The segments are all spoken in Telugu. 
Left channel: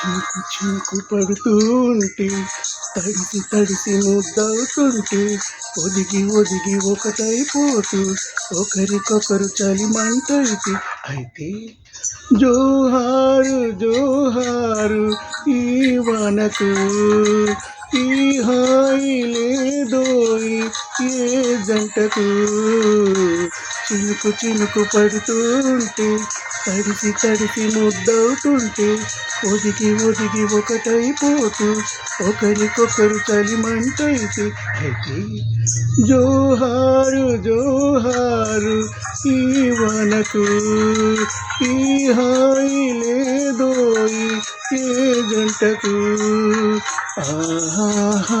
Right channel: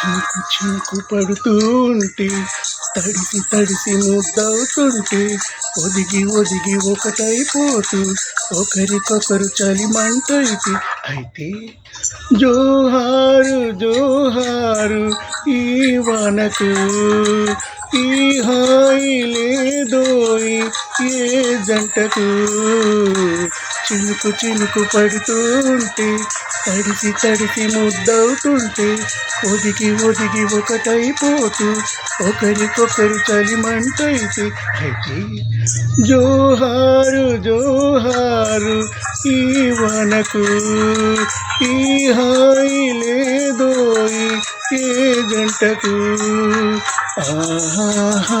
చినుకు చినుకు పడుతూ ఉంటే తడిసి తడిసి ముద్దవుతుంటే ఒదిగి ఒదిగి ఒకటైపోతూ ఒకరికొకరు చలిమంటైతే అయితే జోహారు జోహారు ఈ వనకు ఈ హాయి లేదోయి ఏ జంటకు చినుకు చినుకు పడుతూ ఉంటే తడిసి తడిసి ముద్దవుతుంటే ఒదిగి ఒదిగి ఒకటైపోతూ ఒకరికొకరు చలిమంటైతే అయితే జోహారు జోహారు ఈ వనకు ఈ హాయి లేదోయి ఏ జంటకు ఆహా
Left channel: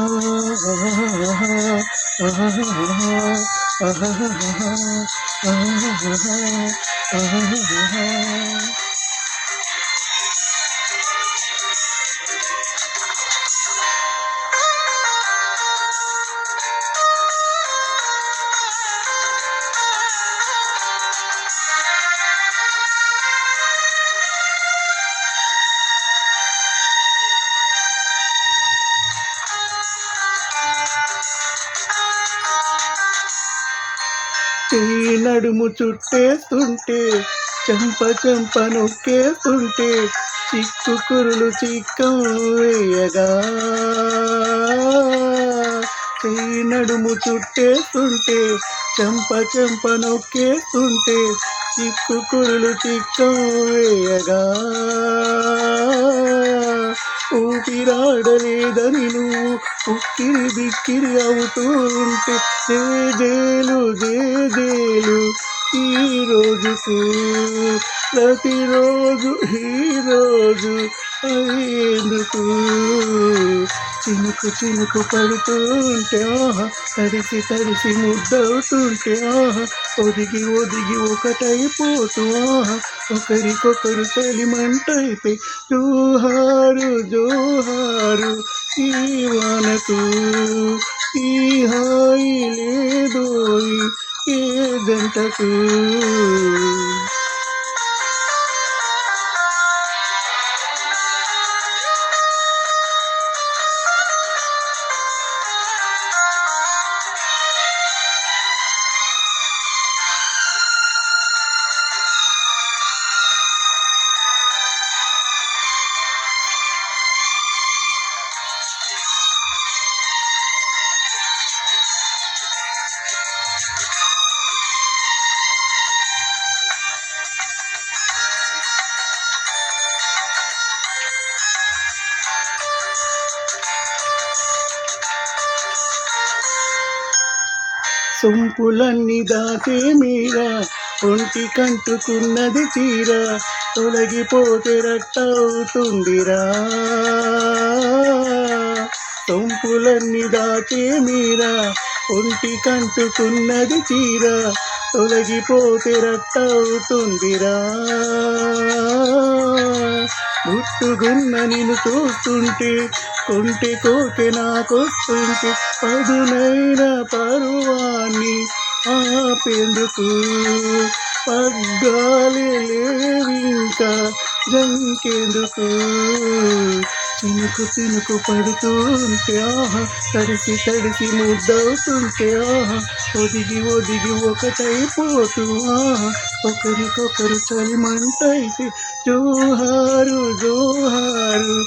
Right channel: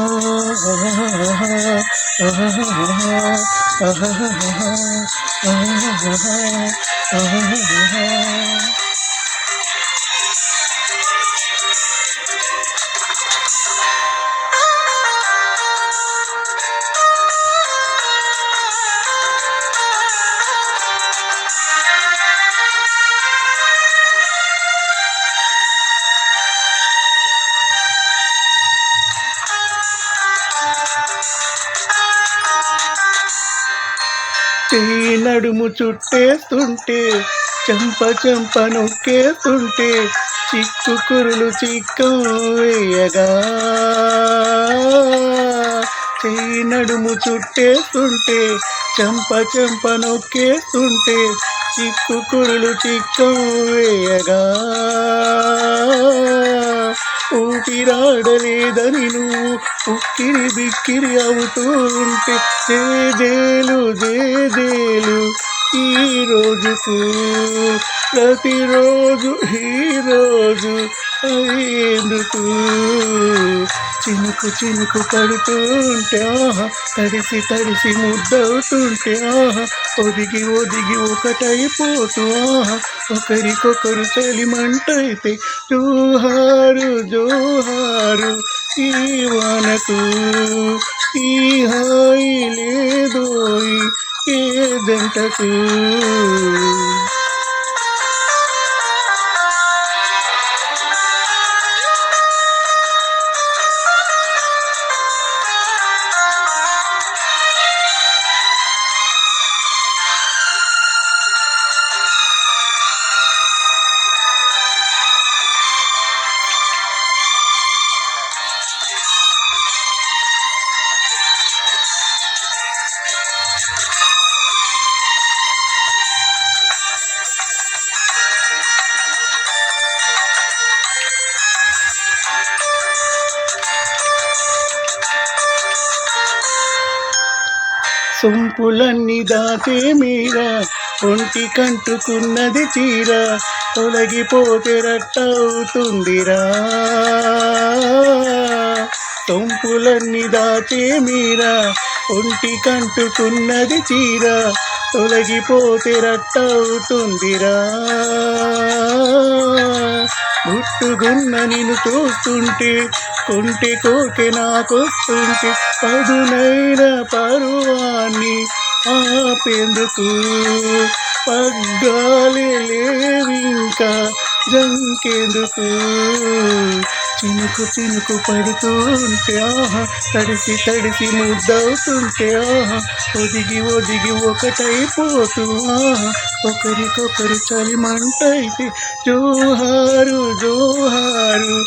చెయ్యి నడుము చుట్టేస్తుంటే చెంప చెంప నొక్కేస్తుంటే చిక్కు కురులు చిక్కం వేయగా చెయ్యి నడుము చుట్టేస్తుంటే చెంప చెంప నొక్కేస్తుంటే చిక్కు కురులు చిక్కం వేయగా ఊపిరాడలేదని నువ్వు ఉక్కిరి బిక్కిరి అవుతూ ఉంటే జేజేలు జేజేలు ఈ రోజుకు ప్రతిరోజు ఈరోజు అయ్యేందుకు చినుకు చినుకు పడుతూ ఉంటే ఆహా తడిసి తడిసి ముద్దవుతుంటే ఆహా ఒదిగి ఒదిగి ఒకటైపోతూ ఆహా ఒకరికొకరు చలిమంటైతే జోహారు జోహారు ఈ వనకు ఈ హాయి లేదోయి ఏ జంటకు సొంపులన్నీ దాచే మీరా ఒంటి కంటుకున్నది చీర తొలగిపోతే రట్టవుతుందిరా సొంపులన్నీ దాచే మీరా ఒంటి కంటుకున్నది చీర తొలగిపోతే రట్టవుతుందిరా గుట్టుగున్న నిన్ను చూస్తుంటే కొంటె కోకె నాకొస్తుంటే పదునైన పరువాన్ని ఆపేందుకు పగ్గాలి లేవింకా జంకేందుకు చినుకు చినుకు పడుతూ ఉంటే ఆహా తడిసి తడిసి ముద్దవుతుంటే ఆహా ఒదిగి ఒదిగి ఒకటైపోతూ ఆహా ఒకరికొకరు చలిమంటైతే జోహారు జోహారు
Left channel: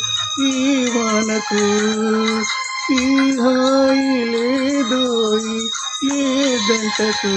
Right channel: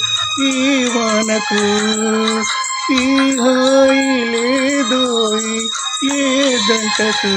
ఈ వనకు ఈ హాయి లేదోయి ఏ జంటకు